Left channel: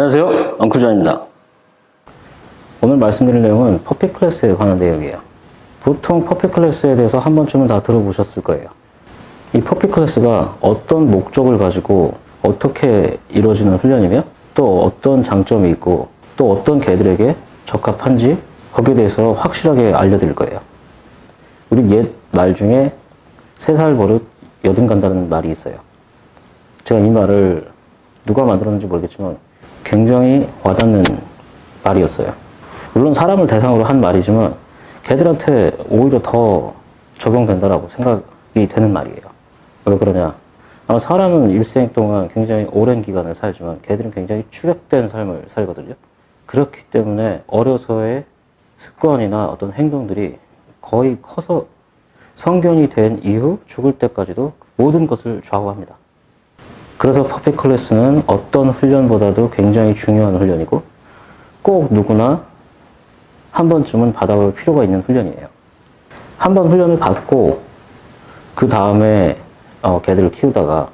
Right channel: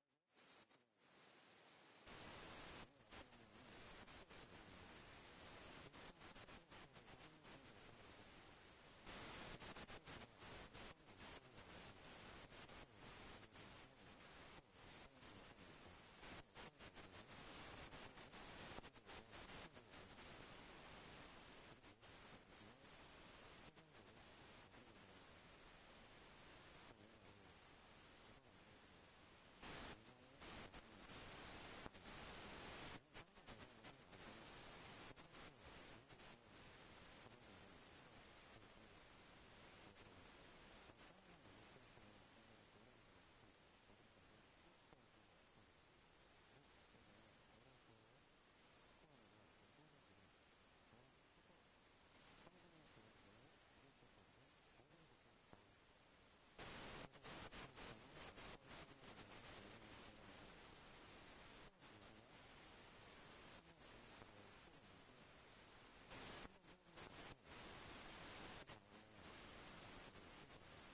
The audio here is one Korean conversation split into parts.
안녕하세요, 엉클존입니다. 오늘 말씀드릴 내용은 퍼피 클래스에 관한 내용이에요. 보통 퍼피 클래스에 대해서 한 번쯤은 다 들어보셨을 거예요. 이 퍼피 클래스가 어떤 목적을 가지고 어떻게 이루어지는 훈련이며 또 어떤 장점이 있고 또 어떤 개들에게 적합한지 거기에 대해서 확실하게 알려드릴 거예요. 우리 옛 말 중에 3살 버릇 여든 간다는 말이 있어요. 제가 이 말을 누가 만들었는지 모르겠지만 굉장히 와닿는 말이었어요. 물론 사람을 대상으로 한 말이지만 개들한테 오히려 더 적용된다라고 생각이 되는 말이에요. 왜 그러냐? 사람은 일생 동안 굉장히 오랜 기간을 살지만 개들은 굉장히 축약된 삶을 살거든요. 그렇기 때문에 어려서의 습관이나 어떤 행동들이 거의 커서 성견이 된 이후 죽을 때까지도 모든 것을 좌우합니다. 그래서 퍼피 클래스는 어떤 훈련보다도 굉장히 중요한 훈련이고 꼭 누구나 한 번쯤은 받아볼 필요가 있는 훈련이에요. 한 번 훈련을 받고 그 다음에 개들을 키우다가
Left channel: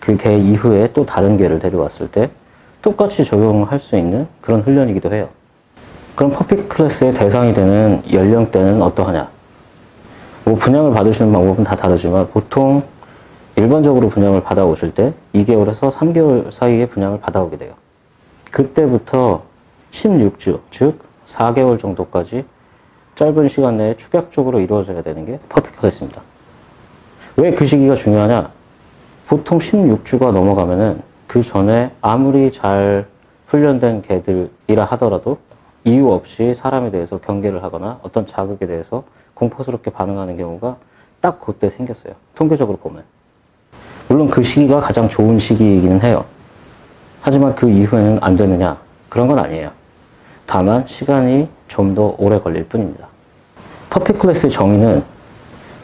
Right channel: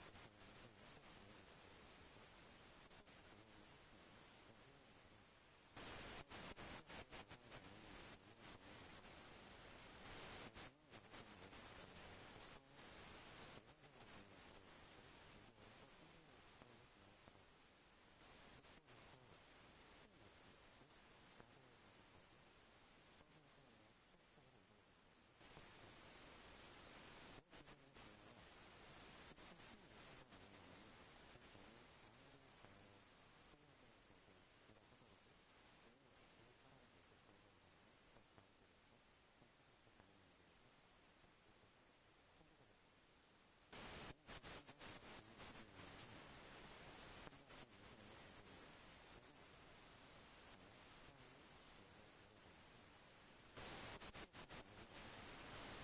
그 개 이후에 또 다른 개를 데려왔을 때 똑같이 적용할 수 있는 그런 훈련이기도 해요. 그럼 퍼피 클래스의 대상이 되는 연령대는 어떠하냐? 분양을 받으시는 방법은 다 다르지만 보통 일반적으로 분양을 받아오실 때 2개월에서 3개월 사이에 분양을 받아오게 돼요. 그때부터 16주, 즉 4개월 정도까지 짧은 시간 내에 축약적으로 이루어져야 되는 게 퍼피 클래스입니다. 왜 그 시기가 중요하냐? 보통 16주가 넘어가면은 그 전에 아무리 잘 훈련된 개들이라 하더라도 이유 없이 사람에 대해서 경계를 하거나 어떤 자극에 대해서 공포스럽게 반응하는 경우가 딱 그때 생겼어요. 통계적으로 보면. 물론 그 시기가 가장 좋은 시기이기는 해요. 하지만 그 이후에는 안 되느냐? 그런 건 아니에요. 다만 시간이 좀 더 오래 걸릴 뿐입니다. 퍼피 클래스의 정의는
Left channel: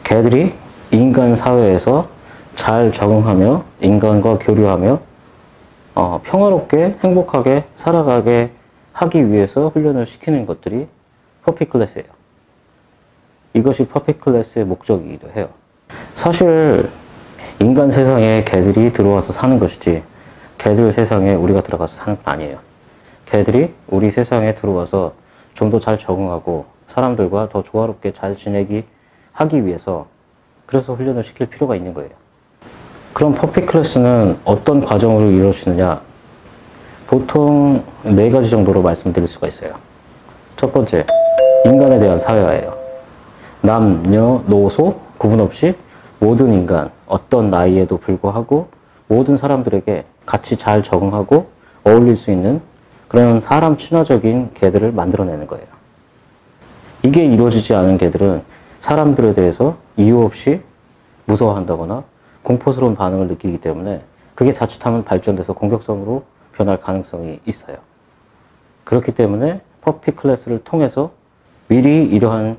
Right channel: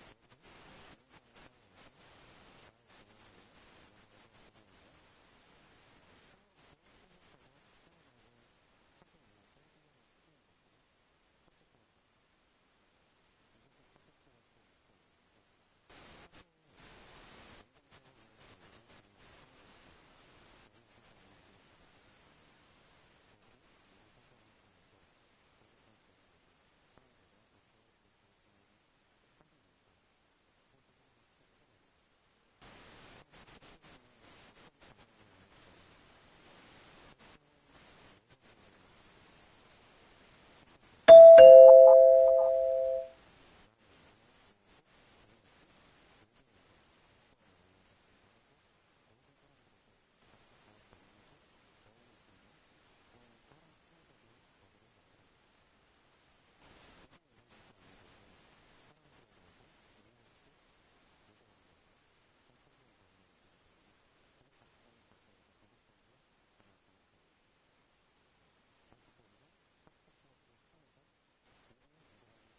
개들이 인간 사회에서 잘 적응하며 인간과 교류하며 평화롭게 행복하게 살아가게 하기 위해서 훈련을 시키는 것들이 퍼피 클래스예요. 이것이 퍼피 클래스의 목적이기도 해요. 사실 인간 세상에 개들이 들어와서 사는 것이지 개들 세상에 우리가 들어가서 사는 건 아니에요. 개들이 우리 세상에 들어와서 좀 더 잘 적응하고 사람들과 더 조화롭게 잘 지내기 하기 위해서 그래서 훈련을 시킬 필요가 있는 거예요. 그럼 퍼피 클래스는 어떤 과정으로 이루어지느냐? 보통 4가지 정도로 말씀드릴 수가 있어요. 첫 번째, 인간에 대한 사회화예요. 남녀, 노소 구분 없이 모든 인간, 어떤 나이에도 불구하고 모든 사람들에게 같이 잘 적응하고 어울릴 수 있는 그런 사람 친화적인 개들을 만들어내는 거예요. 이게 이루어지지 않은 개들은 사람들에 대해서 이유 없이 무서워한다거나 공포스러운 반응을 느끼기 때문에 그게 자칫하면 발전돼서 공격성으로 변할 가능성이 있어요. 그렇기 때문에 퍼피 클래스를 통해서 미리 이러한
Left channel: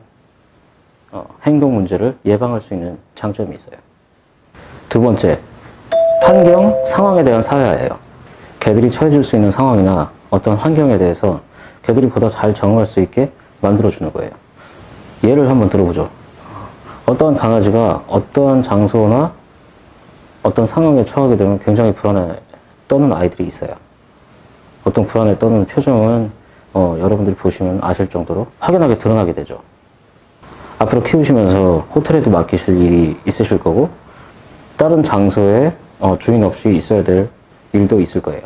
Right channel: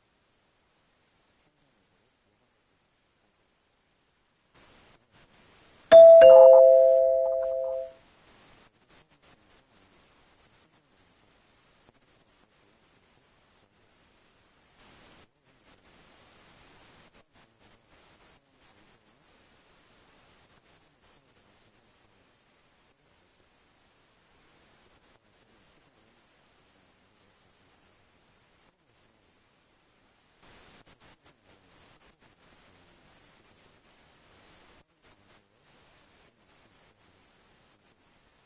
행동 문제를 예방할 수 있는 장점이 있어요. 두 번째, 환경, 상황에 대한 사회화예요. 개들이 처해질 수 있는 상황이나 어떤 환경에 대해서 개들이 보다 잘 적응할 수 있게 만들어주는 거예요. 예를 한번 들어보죠. 어떠한 강아지가 어떠한 장소나 어떤 상황에 처하게 되면 굉장히 불안에 떠는 아이들이 있어요. 보통 불안에 떠는 표정은 여러분들이 보시면 아실 정도로 확연하게 드러나게 되죠. 앞으로 키우시면서 호텔에도 맡기실 일이 있으실 거고 다른 장소에 주인 없이 있어야 될 일도 있을 거예요.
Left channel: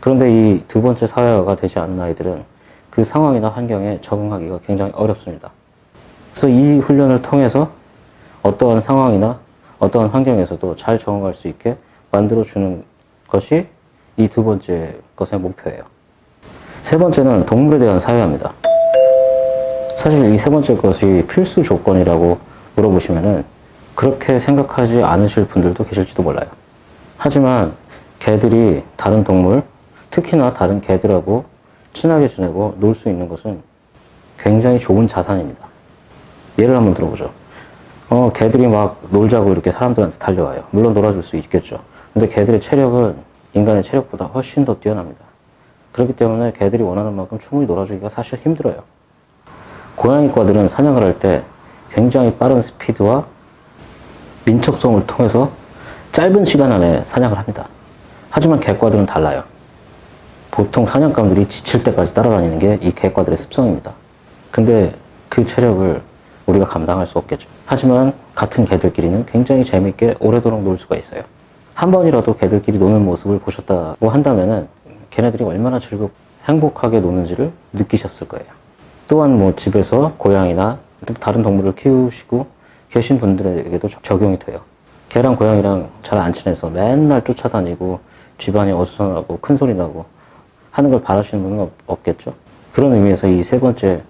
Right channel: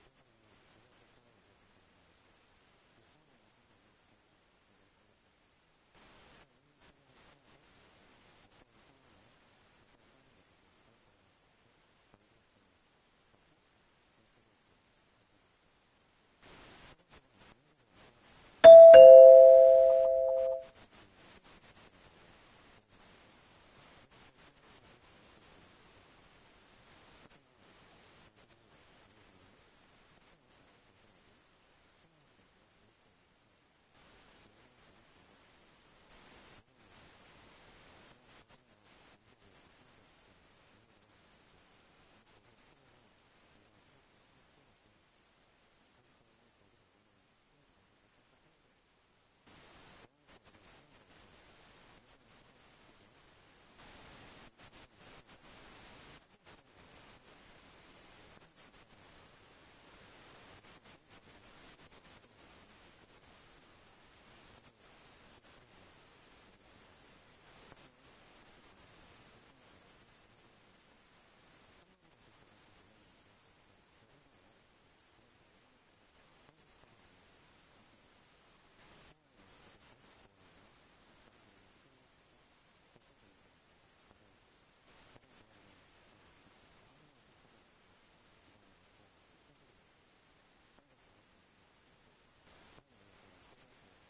그런데 이 두 번째 사회화가 되지 않는 아이들은 그 상황이나 환경에 적응하기가 굉장히 어렵습니다. 그래서 이 훈련을 통해서 어떠한 상황이나 어떠한 환경에서도 잘 적응할 수 있게 만들어주는 것이 이 두 번째 것의 목표예요. 세 번째는 동물에 대한 사회화입니다. 사실 이 세 번째 것이 필수 조건이라고 물어보시면은 그렇게 생각하지 않으실 분들도 계실지도 몰라요. 하지만 개들이 다른 동물, 특히나 다른 개들하고 친하게 지내고 놀 수 있는 것은 굉장히 좋은 자산입니다. 예를 한번 들어보죠. 개들이 막 놀자고 이렇게 사람들한테 달려와요. 물론 놀아줄 수 있겠죠. 근데 개들의 체력은 인간의 체력보다 훨씬 더 뛰어납니다. 그렇기 때문에 개들이 원하는 만큼 충분히 놀아주기가 사실 힘들어요. 고양이과들은 사냥을 할 때 굉장히 빠른 스피드와 민첩성을 통해서 짧은 시간 안에 사냥을 합니다. 하지만 개과들은 달라요. 보통 사냥감들이 지칠 때까지 따라다니는 게 이 개과들의 습성입니다. 근데 그 체력을 우리가 감당할 수 없겠죠. 하지만 같은 개들끼리는 굉장히 재밌게 오래도록 놀 수가 있어요. 한 번이라도 개들끼리 노는 모습을 보셨다고 한다면은 걔네들이 얼마나 즐겁고 행복하게 노는지를 느끼셨을 거예요. 또한 뭐 집에서 고양이나 다른 동물을 키우시고 계신 분들에게도 적용이 돼요. 개랑 고양이랑 잘 안 친해서 맨날 쫓아다니고 집안이 어수선하고 큰 소리 나고 하는 걸 바라시는 분은 없겠죠. 그런 의미에서 이 세 번째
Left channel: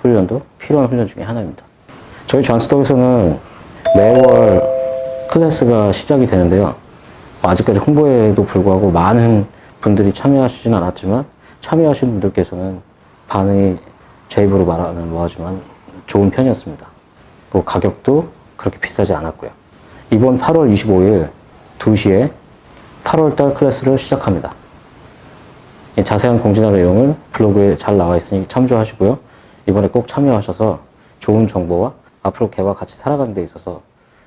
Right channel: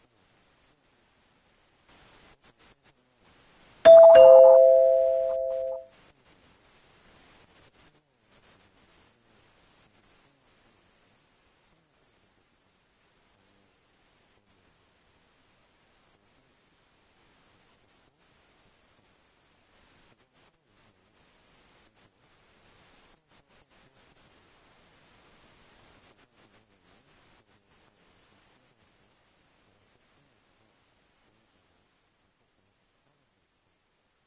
훈련도 필요한 훈련 중에 하나입니다. 저희 존스독에서는 매월 클래스가 시작이 되는데요. 아직까지 홍보에도 불구하고 많은 분들이 참여하시진 않았지만 참여하신 분들께서는 반응이 제 입으로 말하면 뭐하지만 좋은 편이었습니다. 또 가격도 그렇게 비싸지 않았고요. 이번 8월 25일 2시에 8월달 클래스를 시작합니다. 자세한 공지나 내용은 블로그에 잘 나와 있으니 참조하시고요. 이번에 꼭 참여하셔서 좋은 정보와 앞으로 개와 같이 살아가는 데 있어서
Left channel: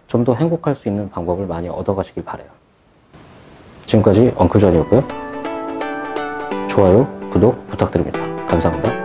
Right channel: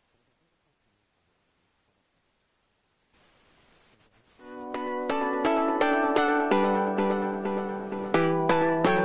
좀 더 행복할 수 있는 방법을 많이 얻어가시길 바라요. 지금까지 엉클존이었고요. 좋아요, 구독 부탁드립니다. 감사합니다.